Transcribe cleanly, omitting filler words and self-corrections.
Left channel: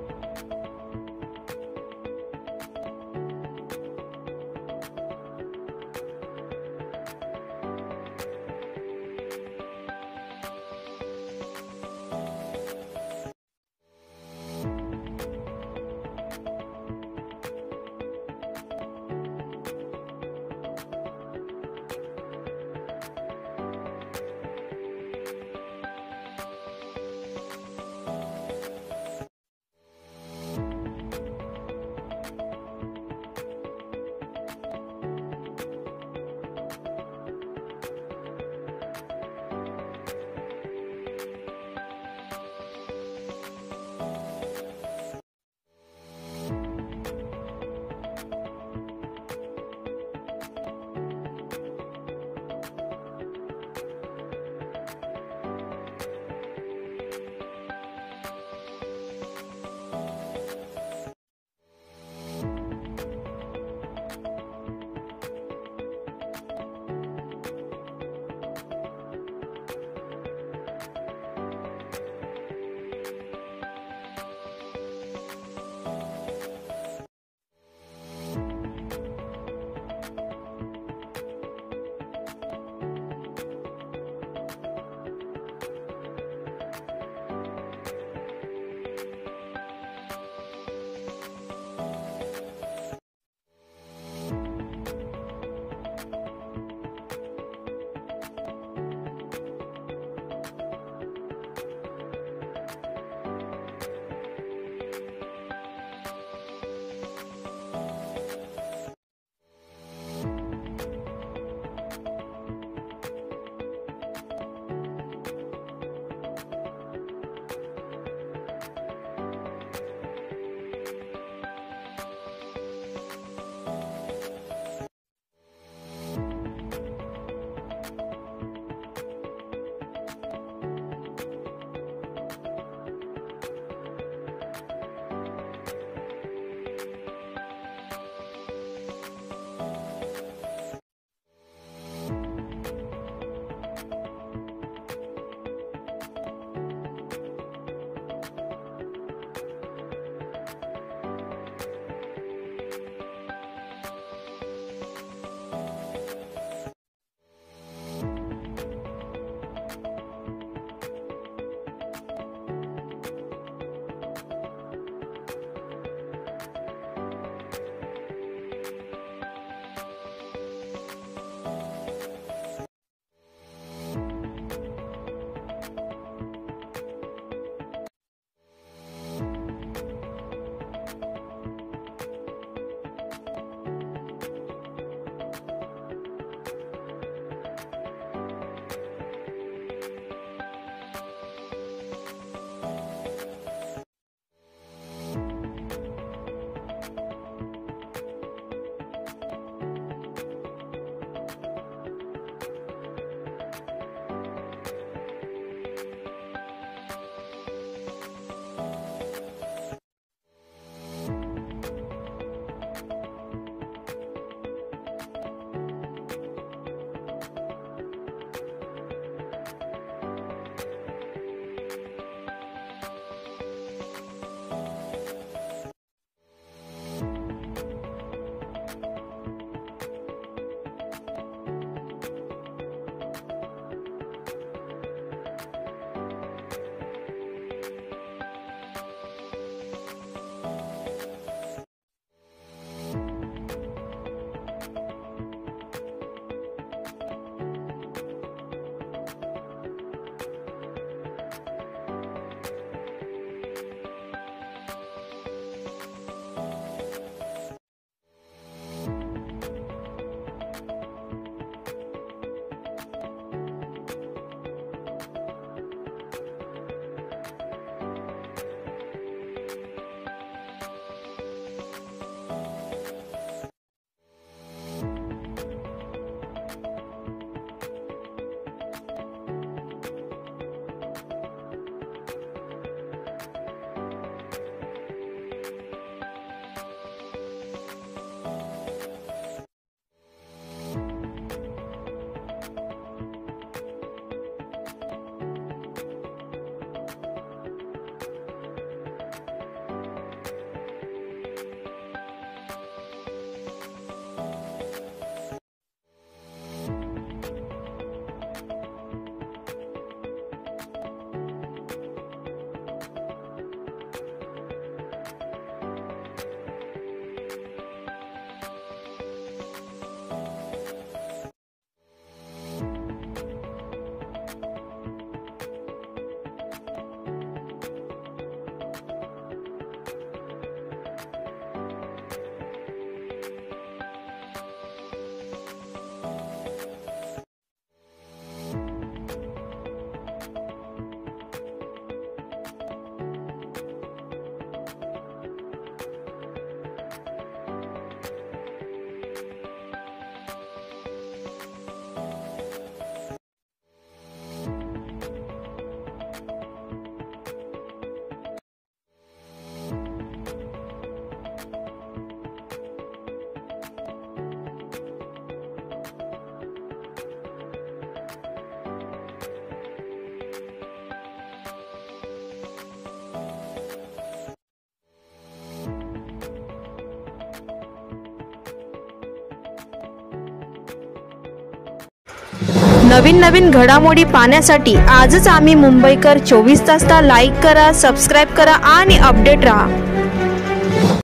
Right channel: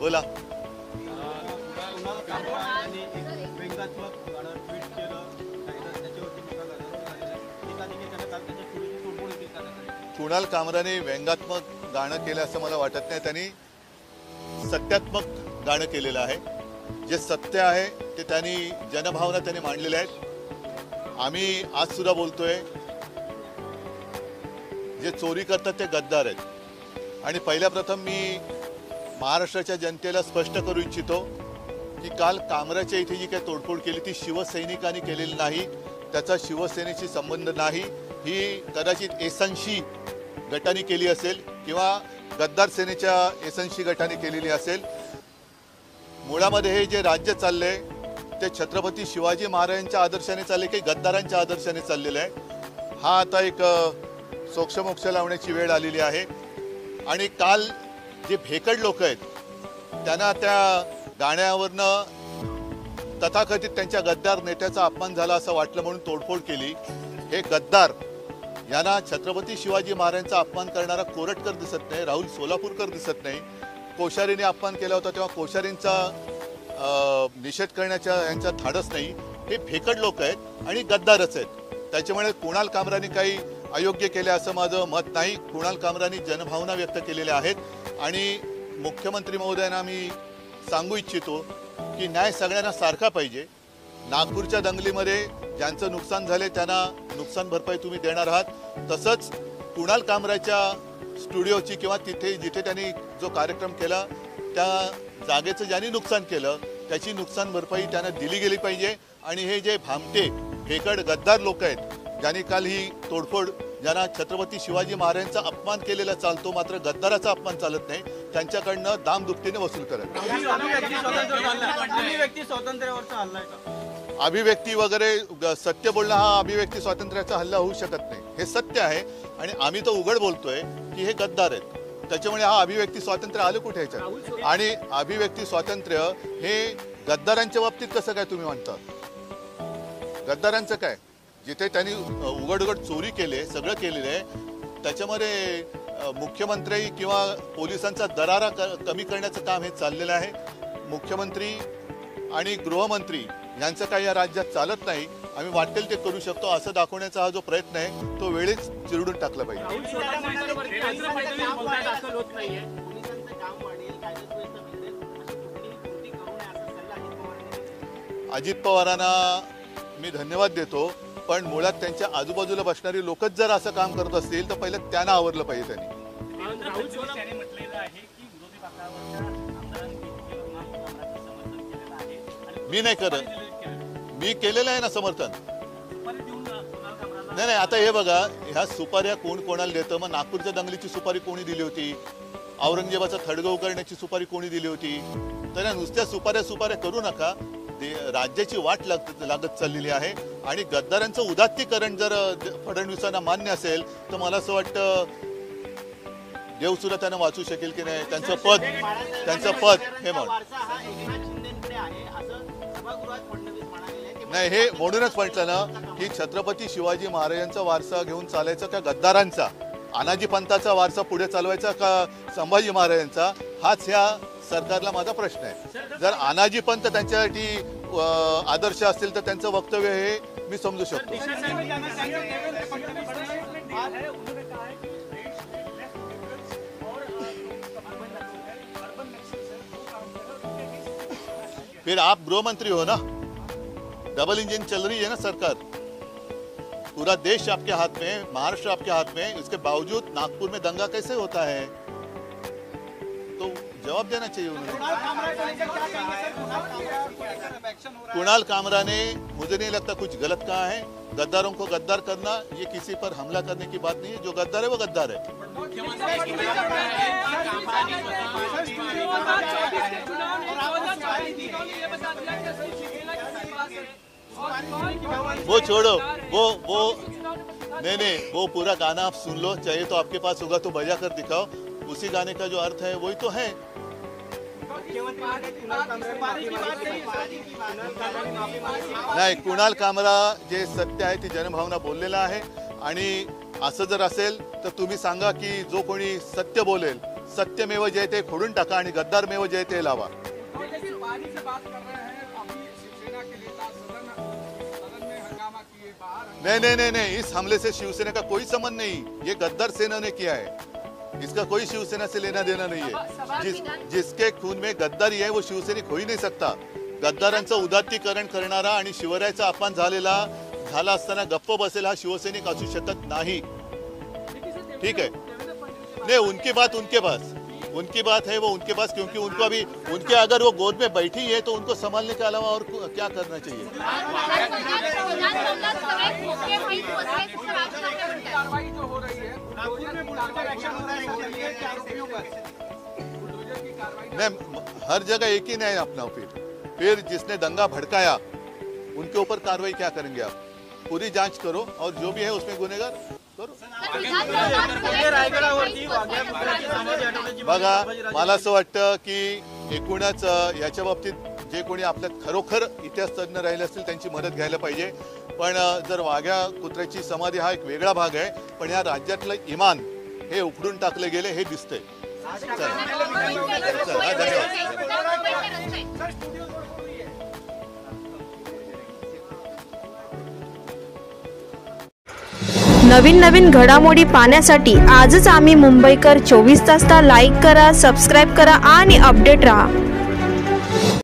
बोला. कुणाल कामराने व्यंगात्मक गाणं केलं असं मला वाटत नाही. त्यांनी सत्यात्मक गाणं केलेलं आहे. जे सत्य आहे ते त्यांनी जनभावना त्यांनी मांडलेल्या आहेत. आम्ही आज सुद्धा बोलतोय, जे चोरी करतात ते गद्दार आहेत. आणि पहिल्या प्रथम मी महाराष्ट्राच्या जनतेला स्पष्ट करू इच्छितो की काल कामराच्या इथे जी काही तोडफोड केली ती शिवसैनिकांनी केलेली नाही. त्याचा शिवसेनेशी संबंध नाही. ही कदाचित एसनशी गटाने केली असेल किंवा गद्दार सेनेच्या एसनशी गटाने केलेली असेल. मुळामध्ये हे जे राज्य चाललंय ते छत्रपती शिवाजी महाराजांच्या आदर्शाने चालले की गद्दारांच्या आदर्शाने चाललेलं आहे. हा आता एक सोक्षमोक्ष लावण्याची वेळ आलेली आहे. आणि काल जे भेकड लोक आहेत त्यांना त्या गाण्यावरनं तथाकथित त्यांच्या गद्दार नेत्याचा अपमान झाला असं वाटलं म्हणून तोडफोड केली. हे गद्दार यांना छत्रपती शिवाजी महाराजांचा अपमान करणारा कोरटकर दिसत नाही, राहुल सोलापूरकर दिसत नाही. कोश्यारीने अपमान केला होता तेव्हा कोश्यारींचा निषेध करण्याच्या यांचा धाडस नाही. हे भेकड लोक आहेत आणि गद्दारच आहेत. त्याच्यामुळे कुणाल कामराने काही अयोग्य केले असं माझं मत नाही. कुणाल कामराने जनभावना व्यक्त केलेल्या आहेत. आणि मुख्यमंत्री महोदयांना मी सांगू इच्छितो की न्याय सगळ्यांना सारखा पाहिजे. नागपूरच्या दंगलीमध्ये ज्यांचं नुकसान झाले त्यांना नुकसान भरपाई तुम्ही देणार आहात. तसंच कुणाल कामराच्या स्टुडिओची किंवा तिथे जिथे त्यांनी जो कार्यक्रम केला त्या जागेचं ज्यांनी नुकसान केलं त्याची नुकसान भरपाई त्यांना दिली गेली पाहिजे. आणि हे जे भामटे भेकड गद्दार लोक आहेत ज्यांनी काल ही तोडफोड, ज्यांना छत्रपती शिवाजी महाराजांचा अपमान केलेला चालतो मात्र गद्दाराचा अपमान चालत नाही, त्यांच्याकडनं दामदुपटीने वसूल करा. अभिव्यक्ती वगैरे सत्य बोलणं हा अभिव्यक्ती स्वातंत्र्याचा हल्ला होऊ शकत नाही. हे सत्य आहे आणि आम्ही तर उघड बोलतोय की हे गद्दार आहेत. त्याच्यामुळे हा अभिव्यक्ती स्वातंत्र्य आलं कुठे ह्याच्यात? आणि अभिव्यक्ती स्वातंत्र्य हे गद्दारांच्या बाबतीत कसं काय तुम्ही म्हणता? गद्दारांचं काय? जिथे त्यांनी उघड चोरी केले, सगळं केलेलं आहे, त्याच्यामध्ये मुख्यमंत्री किंवा पोलिसांचा दरारा कमी करण्याचं काम हे चाललेलं आहे. मुख्यमंत्री आणि गृहमंत्री यांचं काही या राज्यात चालत नाही. आम्ही वाटेल ते करू शकतो असं दाखवण्याचा हा जो प्रयत्न आहे तो वेळेच चिरडून टाकला पाहिजे. अजित पवारांना मी धन्यवाद देतो, पण मुळात त्यांच्या आजूबाजूला बसणारी लोकच जर असं काम करत असतील तर पहिलं त्यांना आवरलं पाहिजे. त्यांनी मी नाही करत, मी केलेलं आहे ना समर्थन. नाही, आता हे बघा, ह्या सुपाऱ्या कोण कोणाला देतं? मग नागपूरच्या दंगलीची सुपारी कोणी दिली होती? औरंगजेबाचा थडगव करण्याची सुपारी कोणी दिली होती? तर नुसत्या सुपाऱ्या करू नका. राज्याची वाट लागत चाललेली आहे. आणि गद्दारांचं उदात्तीकरण जर फडणवीसांना मान्य असेल तर मला असं वाटतं देव सुद्धा त्यांना वाचू शकेल की नाही. त्यांचं पद हे म्हण नाही, हे म्हणूनच म्हटलं ना की छत्रपती शिवाजी महाराजांचा वारसा घेऊन चालायचा का गद्दारांचा, अनाजी पंथाचा वारसा पुढे चालवायचा का संभाजी महाराजांचा, हाच ह्या सरकारला माझा प्रश्न आहे. जर अनाजी पंथ त्यांच्यासाठी आदर्श असतील तर त्यांचं वक्तव्य हे मी समजू शकतो. फिर आप गृहमंत्री हो ना, डबल इंजन चल रही है ना सरकार, पूरा देश आपके हाथ में, महाराष्ट्र आपके हाथ में, इसके बावजूद नागपुर में दंगा कैसे होता है? तो जवाब देना चाहिए उन्हें. कुणाल कामरा ने, मुझे नहीं लगता कुछ गलत कहा है. गद्दारों को गद्दार करना ये किसी पर हमला करने की बात नहीं है. जो गद्दार है वो गद्दार है. वो छोड़ो, वो नहीं, वो पूरा गाना आप सुन लो, चाहिए तो आपके पास होगा तो बजा कर दिखाओ. उसी गाने का जो अर्थ है वही तो है. नाही, कुणाल कामरा जे सत्य आहे ती जनभावना बोललेला आहे. आणि असं जर असेल तर तुम्ही सांगा की जो कोणी सत्य बोलेल, सत्यमेव जयते खोडून टाका आणि गद्दारमेव जयते लावा. नहीं, इस हमले से शिवसेना का कोई संबंध नहीं. ये गद्दार सेना ने किया है, इसका कोई शिवसेना से लेना देना नहीं है. जिसके खून में गद्दारी है वो शिवसैनिक हो ही नहीं सकता. गद्दारांचं उदात्तीकरण करणारा आणि शिवरायाचा अपमान झाला असताना गप्प बसेल हा शिवसैनिक असू शकत नाही. ठीक है, नहीं उनकी बात है, वो उनके पास, क्योंकि उनको अभी उनके अगर वो गोद में बैठी है तो उनको संभालने के अलावा और क्या करना चाहिए. हर जगह एक ही नहीं अपना. फिर जिसने दंगा भड़काया उनके ऊपर कार्रवाई क्या करेंगे आप? पूरी जांच करो और जो भी है उसमें गुनेगार करो. बघा, मला असं वाटतं की एकूणच याच्या बाबतीत जे कोणी आपल्यात खरोखर इतिहास तज्ञ राहिले असतील त्यांची मदत घ्यायला पाहिजे. पण जर वाघ्या कुत्र्याची समाधी हा एक वेगळा भाग आहे, पण या राज्यातलं इमान हे उखडून टाकले गेले हे दिसतंय. नवीन घडामोडी पाहण्यासाठी आजच आम्ही मुंबईकर 24 तासला लाईक करा, सबस्क्राईब करा आणि अपडेट रहा.